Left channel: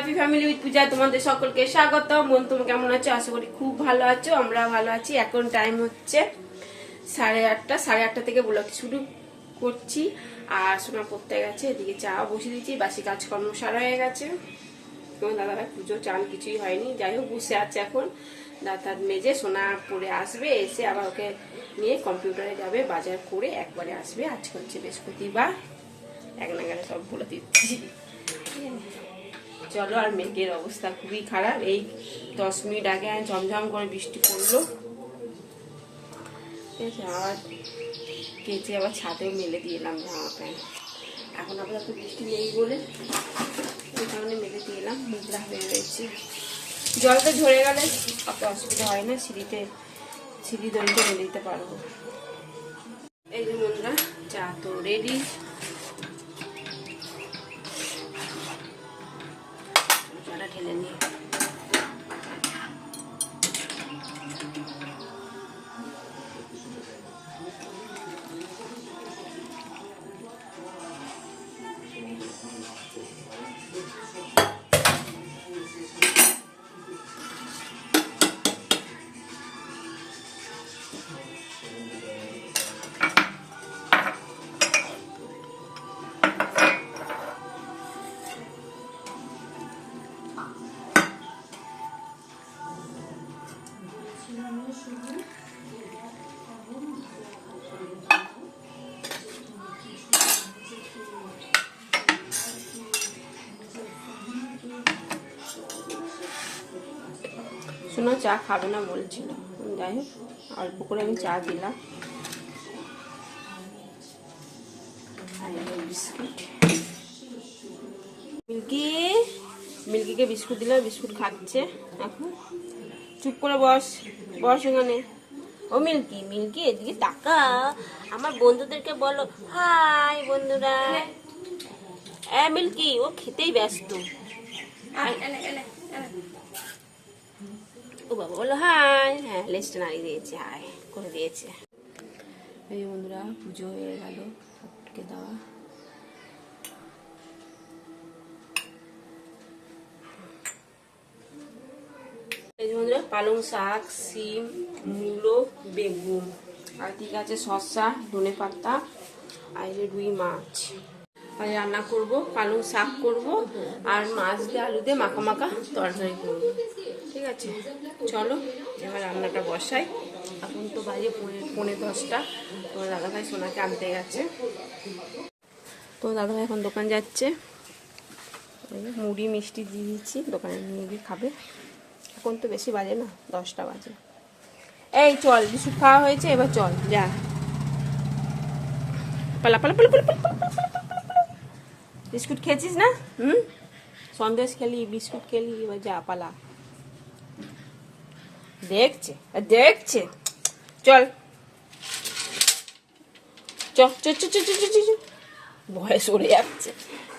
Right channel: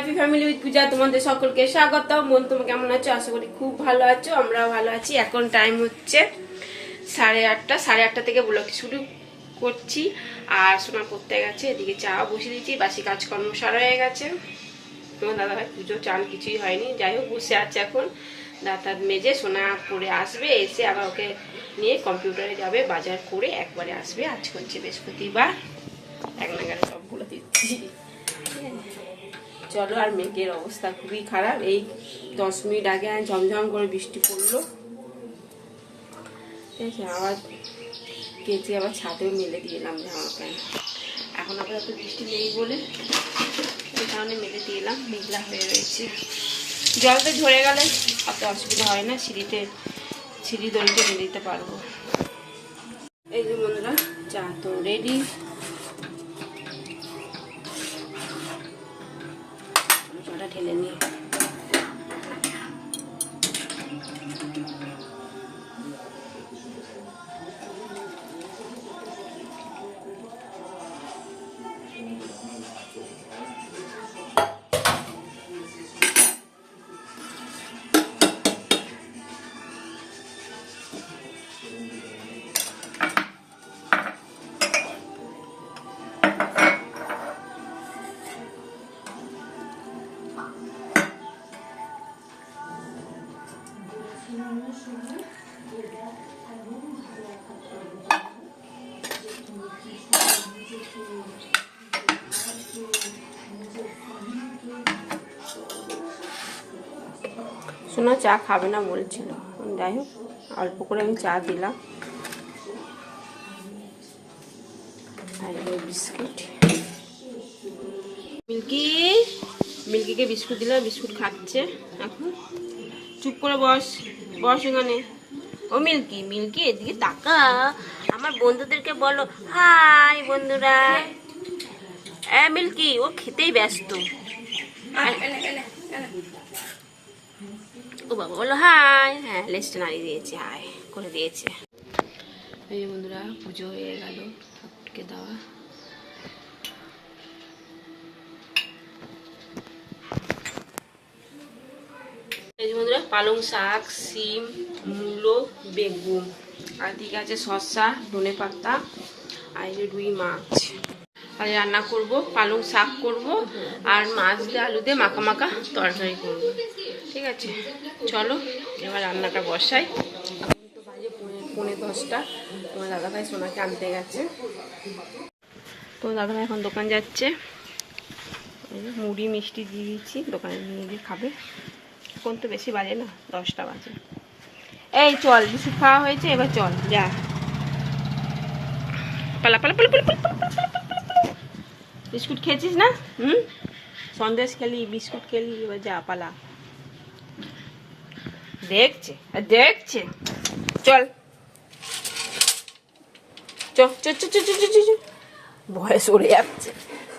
Happy family with পূজা তোমাদের সকলকে স্বাগত। বোন তোমরা কেমন আছো? আশা করি খুব ভালো আছো, আমরা ভালো আছি। এখন টাইম হচ্ছে 8:30, 8:30 থেকে ব্লগ শুরু করছি। আর সোনা পড়তে গেছে, এদিকে চা বসিয়ে দিচ্ছি, বাসি কাজকর্ম সারা হয়ে গেছে। তোমার দাদাভাই পুজো চান কিছুই হয়নি, যাই হোক বসে আছে এখন। দাঁত মেজে সোনা পড়ে আসবে, এসে আবার ওকে নিয়ে কম্পিউটারে যাবে, বাজার করে একবারে আসবে। আজ হচ্ছে বৃহস্পতিবার, এক নাগারে সব বলে দিচ্ছি। চলো, আর মেঘের অবস্থা খুবই খারাপ। এই 10 মিনিট আগে ঝমঝম করে বৃষ্টি পড়লো, ঠিক আছে। আবার কেচে আবার ছাদেও মেলে দিয়ে এলাম জামা প্যান্ট। এখন আবার এত বৃষ্টি নেই বলে এই কারণে মেলে দিয়ে এলাম, মেঘলা হয়ে রয়েছে। জলটা ঝরে গেলে অত অসুবিধা হয় না, সিঁড়ি দড়িতে মেলে দিতে পারবো। এই যে বন্ধুরা, চা তো রেডি। ঢেলে নিয়ে শোনা চা খাবে না বলছিল, যাই হোক অল্প করে আমি চা দিলাম। আর বিস্কুট, মিল্কিকে বিস্কুট দিলাম, বিস্কুট খাচ্ছে এখন। চুপ করে বস এখানে। ও মিল্কি এদিকে তাকা, আমার বন্ধুদেরকে বলো হাই বন্ধুরা। মিল্কি ও খেতেই ব্যস্ত। ও বাবা বলো হাই। হ্যাঁ, লেজটা নাড়িয়ে দিয়েছে, হাই করে দিয়েছে। এই বন্ধুরা, পুজো হয়ে গেল, ঠাকুরকে দেওয়া। এই যে বন্ধুরা, পালং শাক, সিম, মূলো, বেগুন, আর দিকে আছে শসা, ধনে পাতা, আর এই যে রুই মাছ। আর রান্না করব, পালং শাক করব, আর মাছ দিয়ে আলু দিয়ে মাখা মাখা তরকারি করব, ঠিক আছে। চলো এবার রান্নাটা বসাই। এখন তো বাজে 9:45। তোমার দাদাভাই সোনাকে আনতে গেছে। তো দাদাভাই এখন দোকান যাচ্ছে, মুড়ি মিষ্টি দিয়ে দিচ্ছি, দোকানে নিয়ে গিয়ে খাবে। এখন তো বেশি বাজে না, 10টা বাজে। এই চল, বিস্কুট খাওয়া হয়েছে, এবার চল যা, পালা পালা পালা পালা পালা পালা। বিস্কুট খেয়েছিস না? সন্দেশ খেলি, বিস্কুট খেলি, এবার যা পালা। দেখছে চল ভয়ে সরে যাচ্ছে,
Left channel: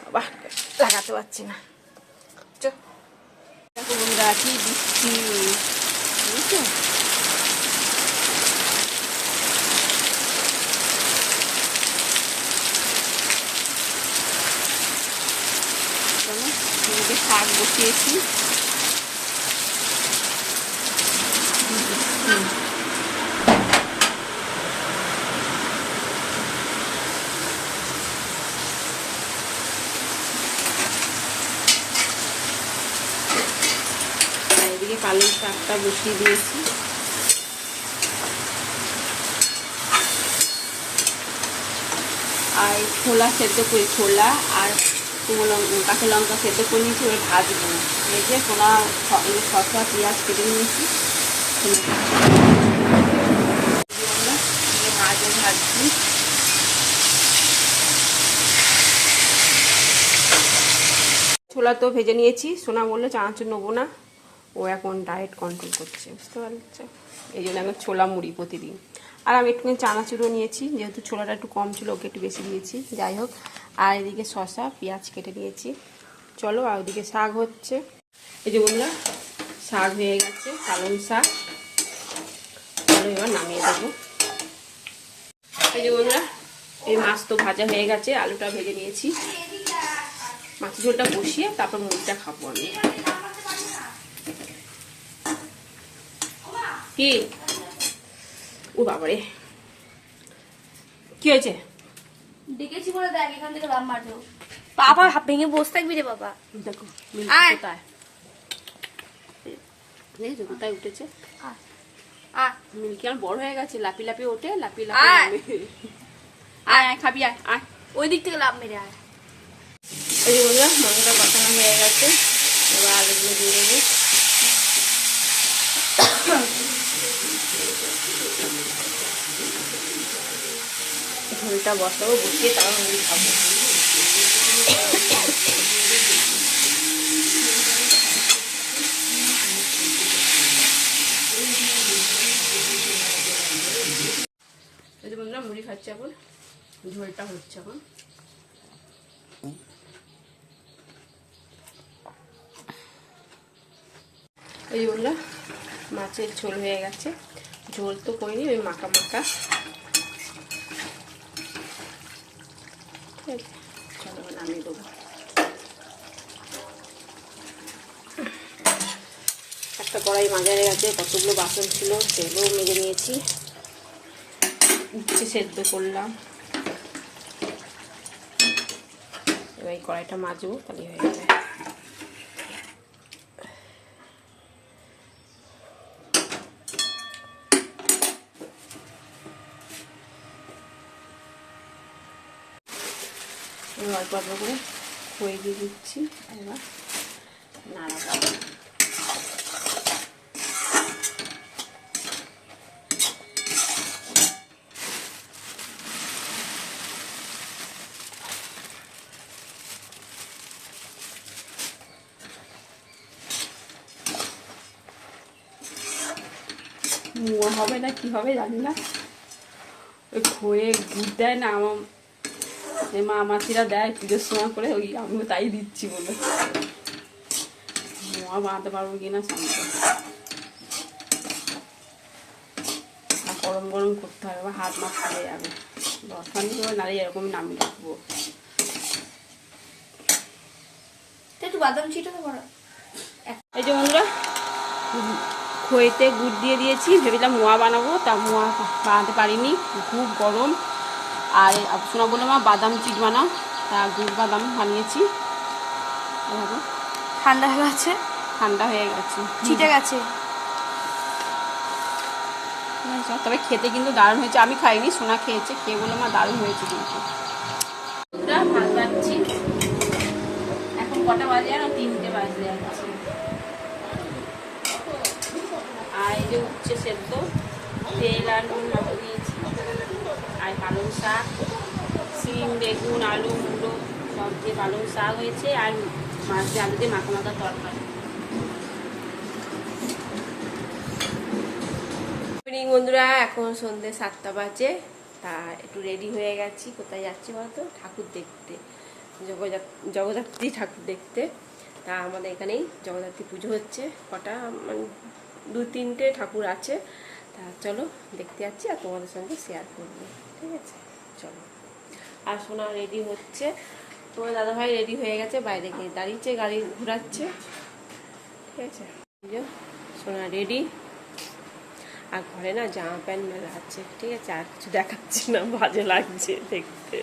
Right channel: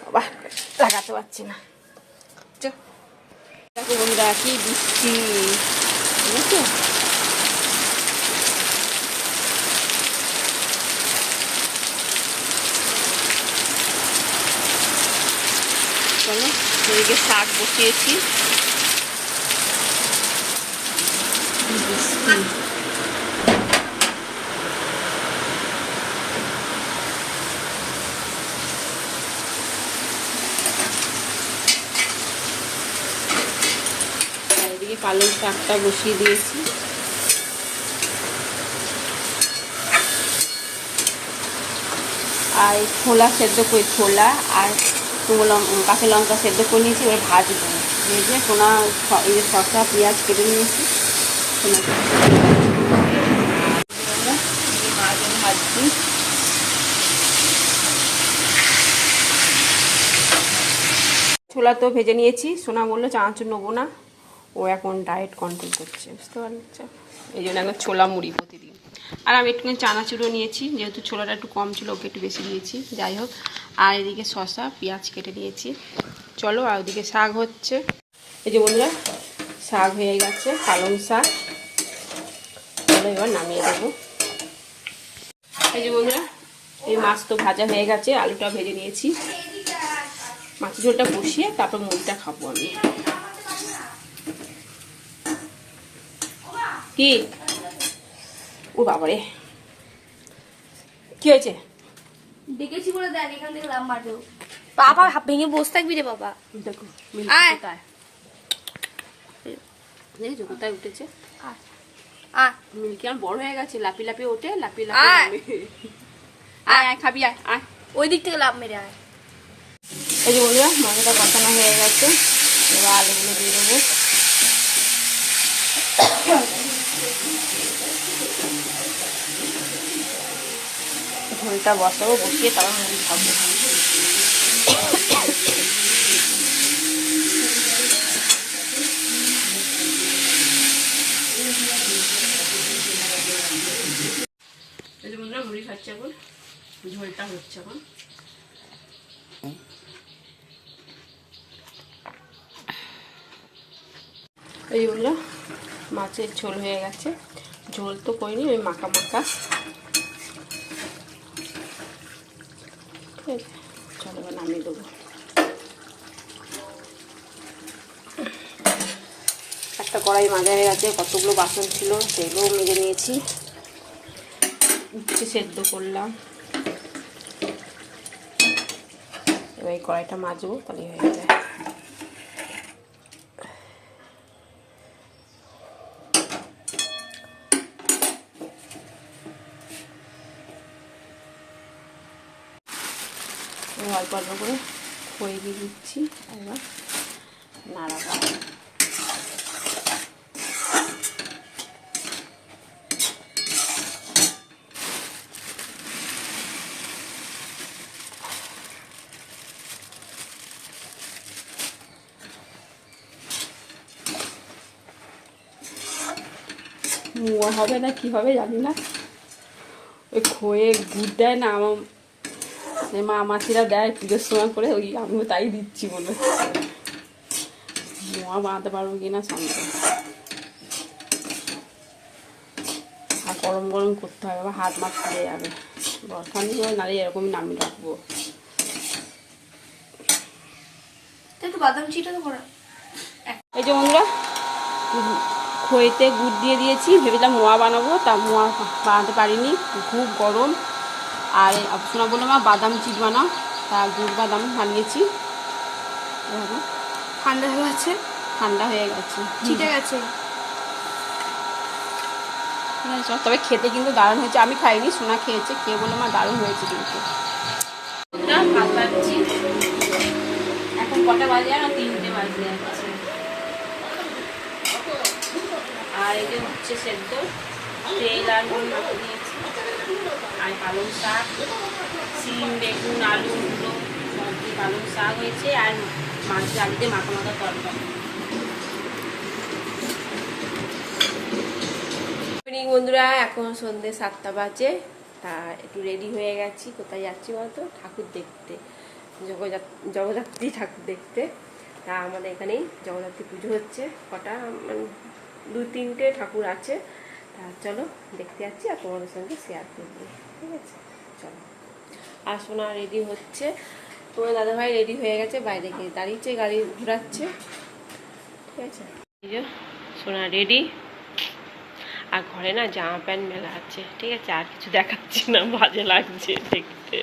বাবা লাগাতে পারছে না। দেখো বন্ধুরা, কি বৃষ্টি, বুঝছো? চলো, এদিকে শাক বসিয়েছি। এদিকে পালং শাকটা বসিয়ে দিয়েছি। আর ছোলা সেদ্ধ করে, ছোলা আর কাঁচা লঙ্কা সেদ্ধ করে নিয়েছি, এবার ভাজবো। এই যে সোনা শসা পেঁয়াজ কেটে নিয়েছি, ভাজছি। ছোলা তো ভেজে নিয়েছি, সোনা বললো চানাচুর নেবো না, ও এখন ডায়েট কন্ট্রোল করছে, বুঝতে পারছো? এই জন্য এখন ছোলা মুড়ি প্রতিদিন। আর আমি একটুখানি চানাচুরও নিয়েছি, যেহেতু ছোলাটা একটু কম ছিল, ওকে একটু বেশি দিয়েছি, যাই হোক। আর এদিকে শসা পেঁয়াজ কেটে নিয়েছি। চলো, আর ওদিকে শাক হচ্ছে। এই যে বন্ধুরা, শাক হয়ে গেছে, পালং শাক। চলো এবার নামিয়ে দেবো। এই যে বন্ধুরা, এই মাছ তো ভাজা হয়ে গেছে, আলুটা ভেজে নিয়েছি। মাছের ঝোলটা বসিয়ে তারপর মুড়িটা খাবো আমি। কি ও বাবারে, কি হয়েছে? ডেকেছি বলে দেখ এখান থেকে লাভ মারবে। বাবা ভেঙে বসে থাকবি রে বাবা। দেখো কোথায় দেখেছো কোথায় উঠেছে। মিল্কি আমার বড় হয়ে গেছে, লাপি লাপি ওঠে, লাপি লাপি নামে। আয় আয় খাবি, আয় আয়, ওই দিক থেকে লাভ মেরে আয়। এই যে বন্ধুরা মাংসটা কষানো হয়ে গেছে, এবার আলুগুলো দিয়ে দেবো। ঝোলটা বসাবো, বসিয়ে তারপর মুড়ি খাবো। মুড়ি খাচ্ছে এখন, ঝোলটা হচ্ছে এখন। এই বললো মাছের ঝোল হয়ে গেছে, ঝোল তো করিনি, ওই মাখা মাখা। ঠিক আছে, চলো নামিয়ে দেবো। একটা কড়াই মাজা হয়ে গেছে, কতগুলো বাসন ছিল সেগুলোও মেজে নিয়েছি। উচ্ছে সেদ্ধ করলাম, এবার এই কড়াইটা মাজবো, তাহলে হয়ে যাবে। অল্প অল্প করে খই দিয়ে দিচ্ছি, এবার নাড়াবো। মোয়া হবে না কি হবে জানি না, ওই খয়ে গুড় দেয় না আমার মা মাসিরা দেয় পুজোর সময় করে, ওই আমিও তাই দিচ্ছি বলে। মোয়া বানাতে পারবো কিনা সন্দেহ। আর গরম গরম করতে হবে, আবার হাত মাছ ফুলে যাবে। বসানি করে নাড়িয়ে এরকম নামিয়ে রাখবো। একটু বাদাম চিটা তো করা। এই যে বন্ধুরা খইতে গুড় দিয়ে দিয়েছি, ভেবেছিলাম মোয়া বানাবো, তা মোয়া বানাতে পারিনি, খুব গরম। আর শোনা বলে মা বাদাম চিট বানাও, তা গুড় বাদাম বানিয়েছি। দেখো ঠান্ডা হয়ে গেছে, ঠান্ডা হয়ে গেছে, চিটে গেছে। ঠিক আছে, তবে খেতে কিন্তু দারুণ হয়েছে। আমি খাইনি, সোনা খেয়েছে, খেয়ে বলে মা দারুণ হয়েছে কিন্তু। ভাত বাড়ছি, এখন কটা বাজে আর 3টে বাজে যাচ্ছে। আর এই যে উচ্ছে সেদ্ধ, তেল আর নুন মাখা দিয়েছি, আর পালং শাক, সিম বেগুন আলু মুলো সব দিয়ে পালং শাক হয়েছে, আর মাছ আলু দিয়ে মাখা মাখা তরকারি। বন্ধুরা এখন সন্ধ্যে 7টা বাজে, তা একটু রেডি হয়ে গেছি। কোথায় যাচ্ছি বলতো? ঠাকুর দেখতে, জগদ্ধাত্রী ঠাকুর দেখতে। তা আমাদের এখানেই জগদ্ধাত্রী পুজো হচ্ছে, কটা মানে 2-3টে ঠাকুর আছে। তা চলো দেখতে যাচ্ছি আর তোমাদের সঙ্গে শেয়ার করবো, ঠিক আছে চলো। আর সোনা রেডি হচ্ছে, তোমার দাদাভাই রেডি হয়ে গেছে, বাইরে গিয়ে দাঁড়িয়েছে, গাড়ি ঘোরাচ্ছে, ঠিক আছে। এই যে সোনা রেডি, আর ঘরে না জামা প্যান্ট মেলা আছে, ঠিক আছে, আর কিছু দেখাচ্ছি না, বাজে লাগছে দেখতে।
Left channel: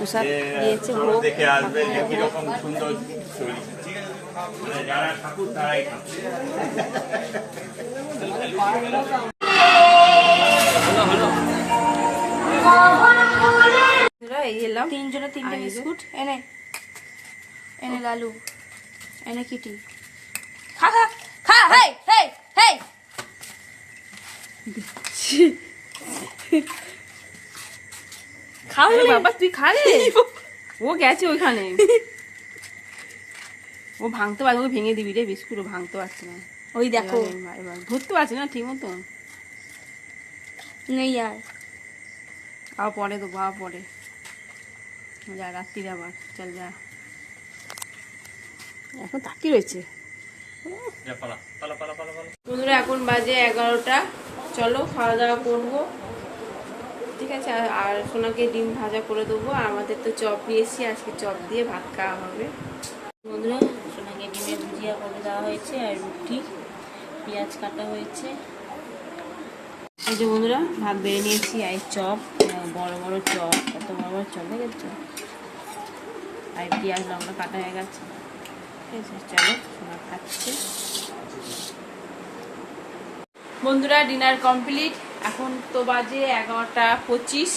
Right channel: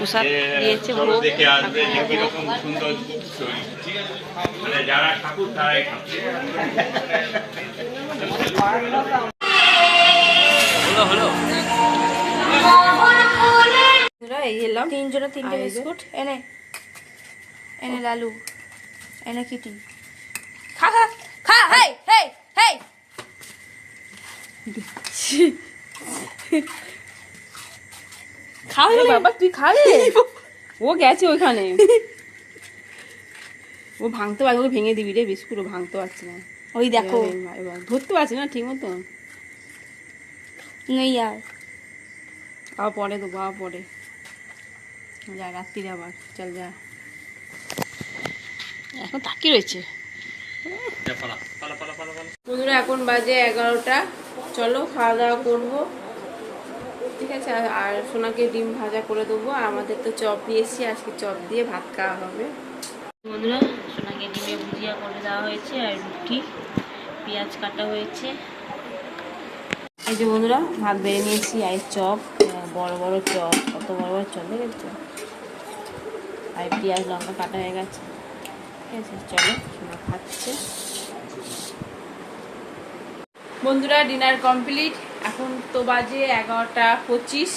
প্রসাদ দিয়েছে, মানে যারা ঠাকুর তারাই খাচ্ছে। এই এলাম তিনজনে তিনটে আর এই যে- বিস্কুট এনে এনে লালু এনে কিটি খা খা খা হেই হেই হেই খাও আরে বাবা তুই খালে ও গেছে ওইখানে ও ভাঙতে পারবে ওকে ভেঙে দিবি রে বিস্কুট ও ভাঙতে পারছে না ওই দেখো এবার ধরতে পারছে না ঠিক মতো নেই আর আবার পরে দেবো আবার পরে যা রাত্রিরে আবার চল যা এখন তাকিয়ে রয়েছে বন্ধুরা এখন বাজে 11টা চলো খাওয়া দাওয়া করবো ঠিক আছে আর সোনাকে ডিম ভাজা করে দেবো আর আমাদের তো চপ নিয়ে এসেছি আজকে চপ দিয়ে ভাত খাওয়া হবে বন্ধুরা সোনাকে ডিমে ভুজিয়া করে দেওয়া হয়েছে আর রুটি পেঁয়াজ কাটা হয়েছে এই যে বন্ধুরা ভাত বেড়ে নিয়েছি আর চপ বড় বড় চপ কত বড় বড় চপ দেখেছো আর পেঁয়াজ লঙ্কা কাটা হয়ে গেছে ঠিক আছে চলো সোনা খাচ্ছে বন্ধুরা ডিনার কমপ্লিট এখন তো বাজে 11:25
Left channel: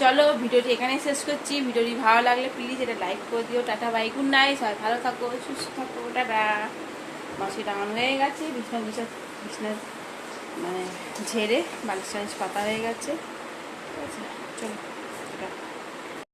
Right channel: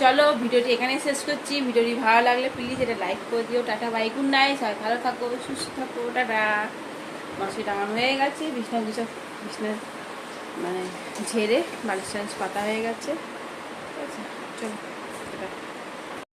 চলো ভিডিওটি এখানে শেষ করছি ভিডিওটি ভালো লাগলে প্লিজ এটা লাইক করে দিও টাটা বাই গুড নাইট সবাই ভালো থাকো সুস্থ থাকো টাটা মাসি টাঙানো হয়ে গেছে বিছনা মানে ঝেড়ে বালিশ টালিশ পাতা হয়ে গেছে ঠিক আছে চলো